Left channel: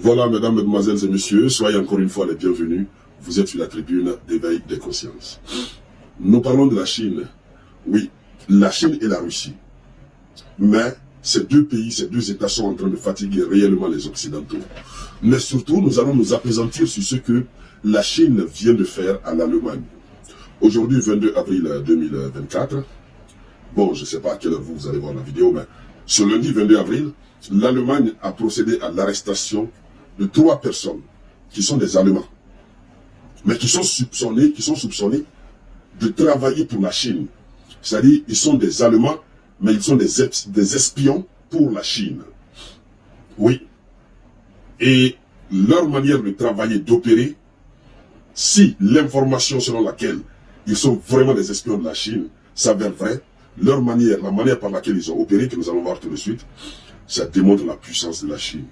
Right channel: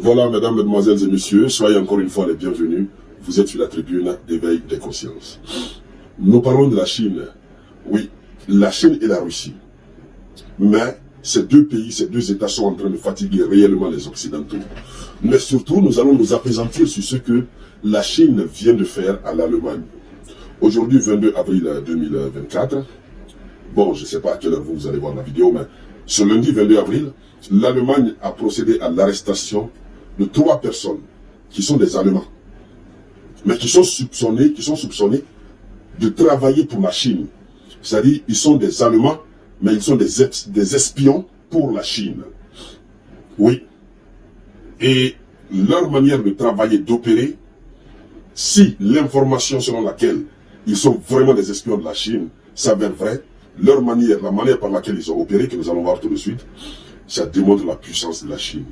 Voilà, mesdames, mesdemoiselles et messieurs, soyez encore une fois les bienvenus. Vous êtes sur la tribune d'éveil des consciences. Nous parlons de la Chine. Oui, la Chine et la Russie. Mais ces deux pays, ces deux États sont en train de fatiguer réellement les Occidentaux. Mais surtout, nous allons nous appesantir sur ce que la Chine vient de faire à l'Allemagne. Aujourd'hui, 22 avril 2024, bon, je ne sais pas à quelle heure vous allez voir la vidéo, mais ce lundi 22 avril, l'Allemagne a procédé à l'arrestation de 3 personnes qui sont des Allemands, mais qui sont soupçonnés de travailler pour la Chine. C'est-à-dire, ils sont des Allemands, mais ils sont des espions pour la Chine. Oui. Et leur manière de travailler, d'opérer, si l'information selon laquelle ils sont vraiment des espions de la Chine s'avère vraie, leur manière, la manière par laquelle ils ont opéré, que nous allons voir tout de suite, ça démontre la puissance de la Chine.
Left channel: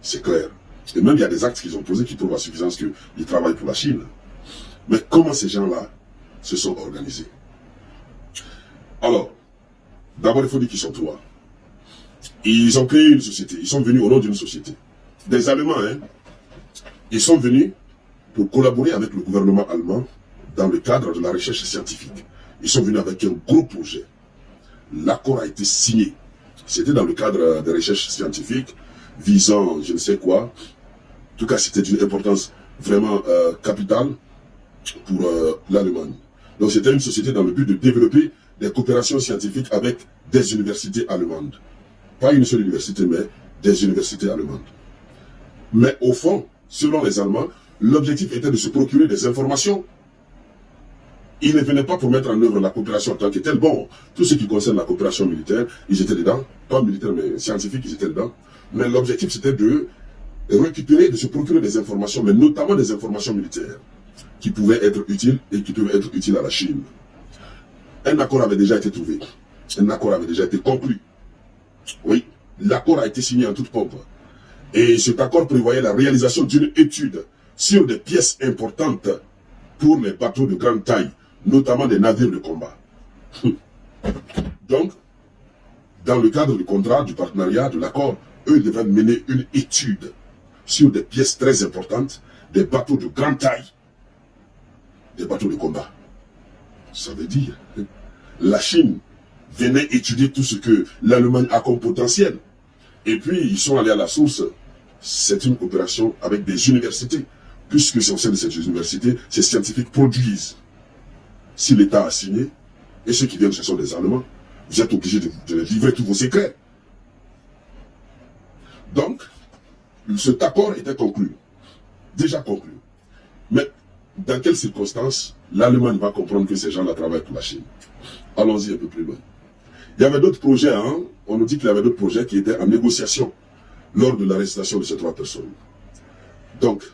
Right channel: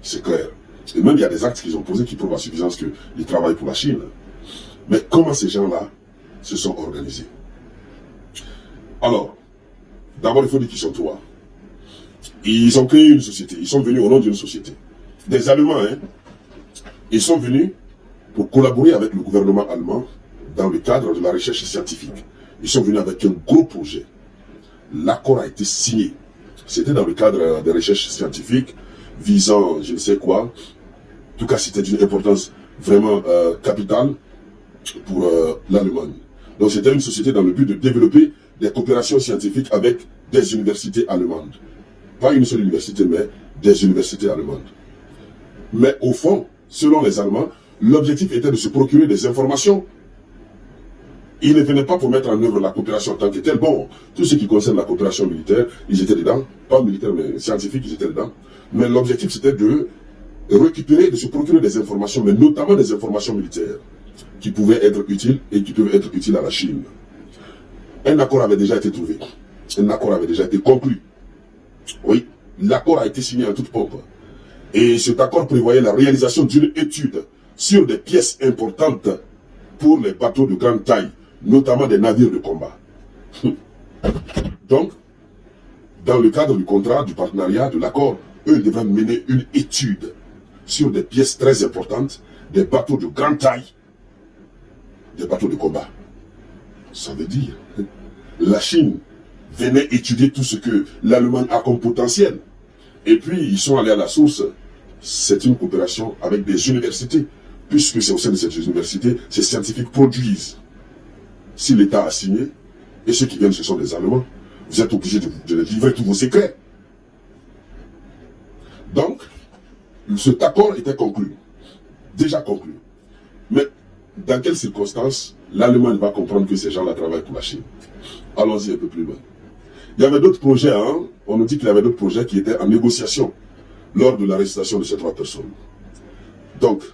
C'est clair. Et même il y a des actes qu'ils ont posés qui prouvent à suffisance qu'ils travaillent pour la Chine. Mais comment ces gens-là se sont organisés? Alors, d'abord il faut dire qu'ils sont 3. Ils ont créé une société, ils sont venus au nom d'une société. Des Allemands, hein. Ils sont venus pour collaborer avec le gouvernement allemand dans le cadre de la recherche scientifique. Ils sont venus avec un gros projet. L'accord a été signé. C'était dans le cadre des recherches scientifiques visant je ne sais quoi. En tout cas, c'était d'une importance vraiment capitale pour l'Allemagne. Donc c'était une société dans le but de développer des coopérations scientifiques avec des universités allemandes. Pas une seule université, mais des universités allemandes. Mais au fond, selon les Allemands, l'objectif était de se procurer des informations. Ils ne venaient pas pour mettre en œuvre la coopération en tant que telle. Bon, tout ce qui concerne la coopération militaire, ils étaient dedans. Pas militaire, mais scientifique, ils étaient dedans. Mais l'objectif, c'était de récupérer, de se procurer des informations, mais notamment des informations militaires, qui pouvaient être utiles et qui peuvent être utiles à la Chine. Un accord avait déjà été trouvé. Un accord avait déjà été conclu. Oui, l'accord a été signé en toute pompe. Et cet accord prévoyait la réalisation d'une étude sur des pièces importantes pour les bateaux de grande taille, notamment des navires de combat. Donc, dans le cadre du contrat, du partenariat, de l'accord, eux devraient mener une étude sur des pièces très importantes, des bateaux de grande taille, des bateaux de combat. Ça veut dire, la Chine venait étudier tout ce que l'Allemagne a comme potentiel. Et puis, ils sont allés à la source. C'est une coopération avec des universités, puisque c'est au sein de cette université, ces scientifiques produisent. Si l'État a signé, et ceux qui viennent, ce sont des Allemands, vous êtes obligés de livrer tous vos secrets. Donc, cet accord était conclu, déjà conclu. Mais dans quelles circonstances l'Allemagne va comprendre que ces gens-là travaillent pour la Chine? Allons-y un peu plus loin. Il y avait d'autres projets, hein? On nous dit qu'il y avait d'autres projets qui étaient en négociation lors de l'arrestation de ces 3 personnes. Donc,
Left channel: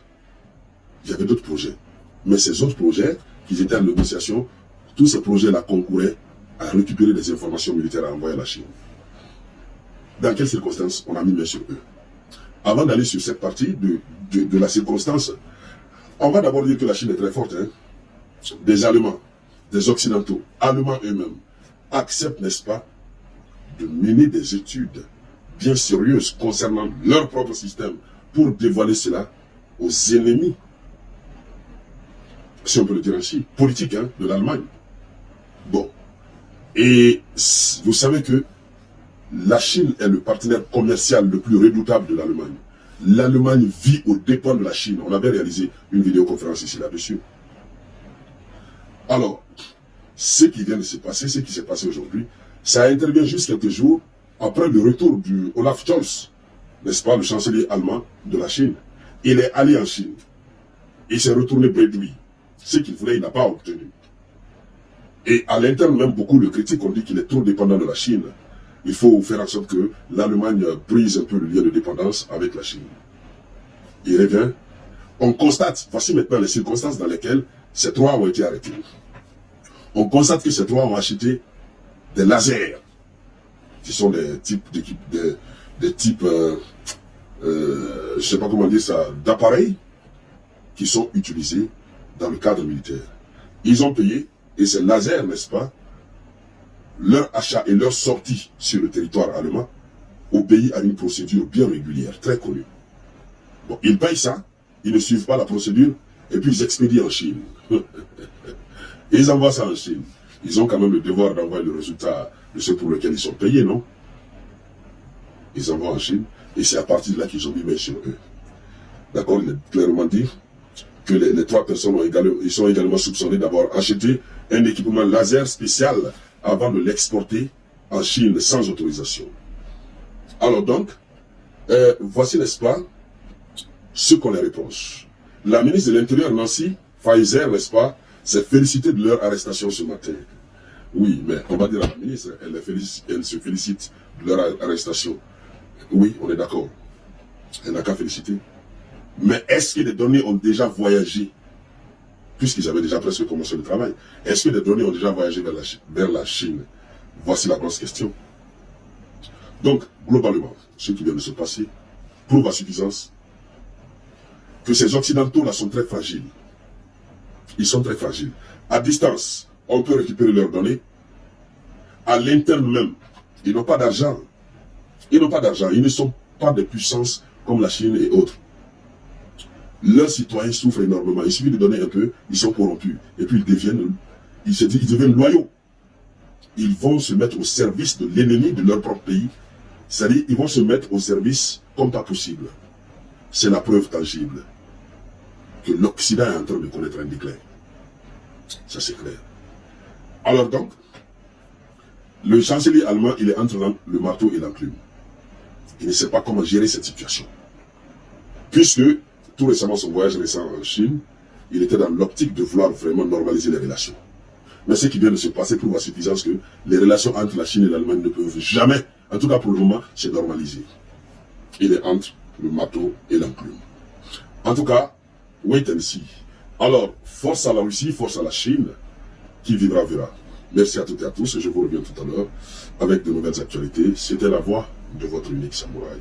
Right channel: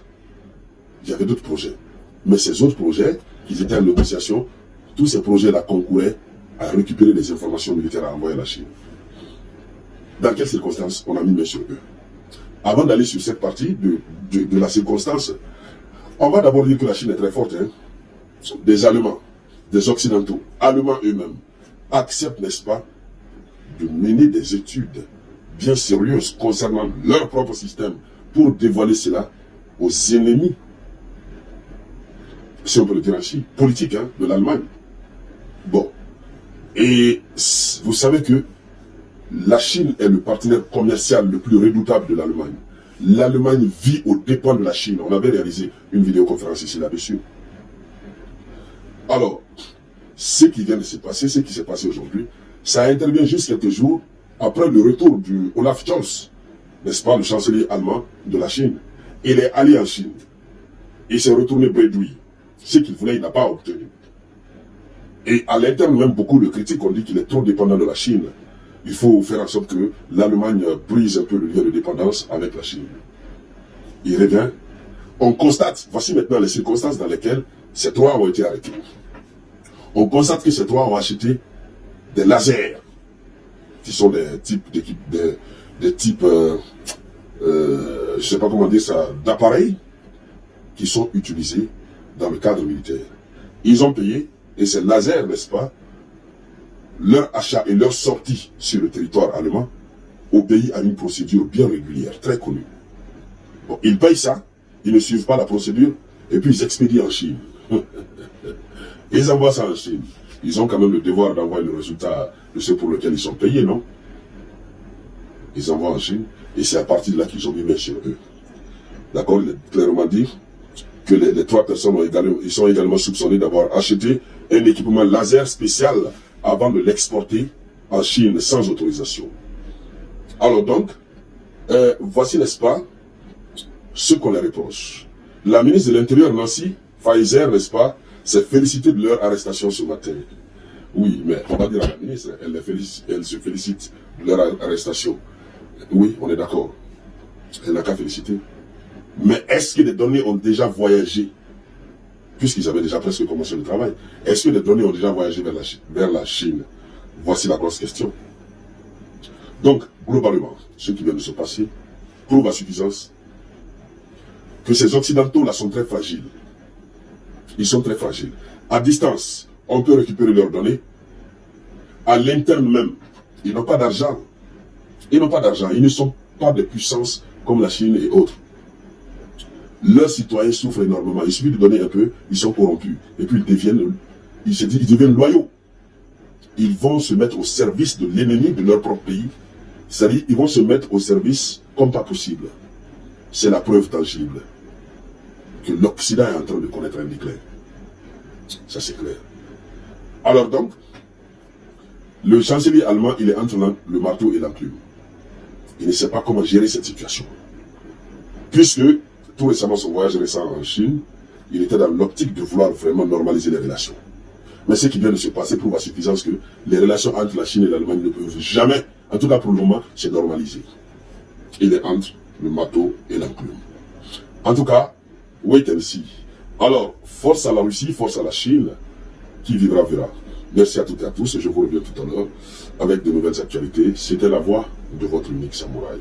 il y avait d'autres projets. Mais ces autres projets, qui étaient en négociation, tous ces projets-là concouraient à récupérer des informations militaires à envoyer à la Chine. Dans quelles circonstances on a mis main sur eux? Avant d'aller sur cette partie de la circonstance, on va d'abord dire que la Chine est très forte. Hein? Des Allemands, des Occidentaux, Allemands eux-mêmes, acceptent, n'est-ce pas, de mener des études bien sérieuses concernant leur propre système pour dévoiler cela aux ennemis, si on peut le dire ainsi, politiques hein, de l'Allemagne. Bon. Et vous savez que la Chine est le partenaire commercial le plus redoutable de l'Allemagne. L'Allemagne vit aux dépens de la Chine. On avait réalisé une vidéoconférence ici là-dessus. Alors, ce qui vient de se passer, ce qui s'est passé aujourd'hui, ça intervient juste quelques jours après le retour du Olaf Scholz, n'est-ce pas, le chancelier allemand de la Chine. Il est allé en Chine. Il s'est retourné bredouille. Ce qu'il voulait, il n'a pas obtenu. Et à l'interne, même beaucoup le critiquent, on dit qu'il est trop dépendant de la Chine. Il faut faire en sorte que l'Allemagne brise un peu le lien de dépendance avec la Chine. Il revient. On constate, voici maintenant les circonstances dans lesquelles ces 3 ont été arrêtés. On constate que ces 3 ont acheté des lasers, qui sont des types, je ne sais pas comment dire ça, d'appareils qui sont utilisés dans le cadre militaire. Ils ont payé, et ces lasers, n'est-ce pas, leur achat et leur sortie sur le territoire allemand obéit à une procédure bien régulière, très connue. Bon, ils payent ça, ils ne suivent pas la procédure, et puis ils expédient en Chine. Et ils envoient ça en Chine. Ils ont quand même le devoir d'envoyer le résultat de ce pour lequel ils sont payés, non? Ils envoient en Chine, et c'est à partir de là qu'ils ont mis main sur eux. D'accord? Il est clairement dit que les 3 personnes ils sont également soupçonnés d'avoir acheté un équipement laser spécial avant de l'exporter en Chine sans autorisation. Alors donc, voici, n'est-ce pas, ce qu'on les reproche. La ministre de l'Intérieur, Nancy Faeser, n'est-ce pas, s'est félicitée de leur arrestation ce matin. Oui, mais on va dire à la ministre, elle se félicite de leur arrestation. Oui, on est d'accord. Elle n'a qu'à féliciter. Mais est-ce que les données ont déjà voyagé, puisqu'ils avaient déjà presque commencé le travail, est-ce que les données ont déjà voyagé vers la Chine? Voici la grosse question. Donc, globalement, ce qui vient de se passer prouve à suffisance que ces Occidentaux-là sont très fragiles. Ils sont très fragiles. À distance, on peut récupérer leurs données. À l'interne même, ils n'ont pas d'argent. Ils n'ont pas d'argent. Ils ne sont pas de puissance comme la Chine et autres. Leurs citoyens souffrent énormément. Il suffit de donner un peu, ils sont corrompus. Et puis ils deviennent loyaux. Ils vont se mettre au service de l'ennemi de leur propre pays. C'est-à-dire, ils vont se mettre au service comme pas possible. C'est la preuve tangible que l'Occident est en train de connaître un déclin. Ça, c'est clair. Alors donc, le chancelier allemand, il est entre le marteau et l'enclume. Il ne sait pas comment gérer cette situation. Puisque, tout récemment, son voyage récent en Chine, il était dans l'optique de vouloir vraiment normaliser les relations. Mais ce qui vient de se passer prouve à suffisance que les relations entre la Chine et l'Allemagne ne peuvent jamais, en tout cas pour le moment, se normaliser. Il est entre le marteau et l'enclume. En tout cas, wait and see. Alors, force à la Russie, force à la Chine, qui vivra verra. Merci à toutes et à tous, je vous reviens tout à l'heure avec de nouvelles actualités. C'était la voix de votre unique samouraï.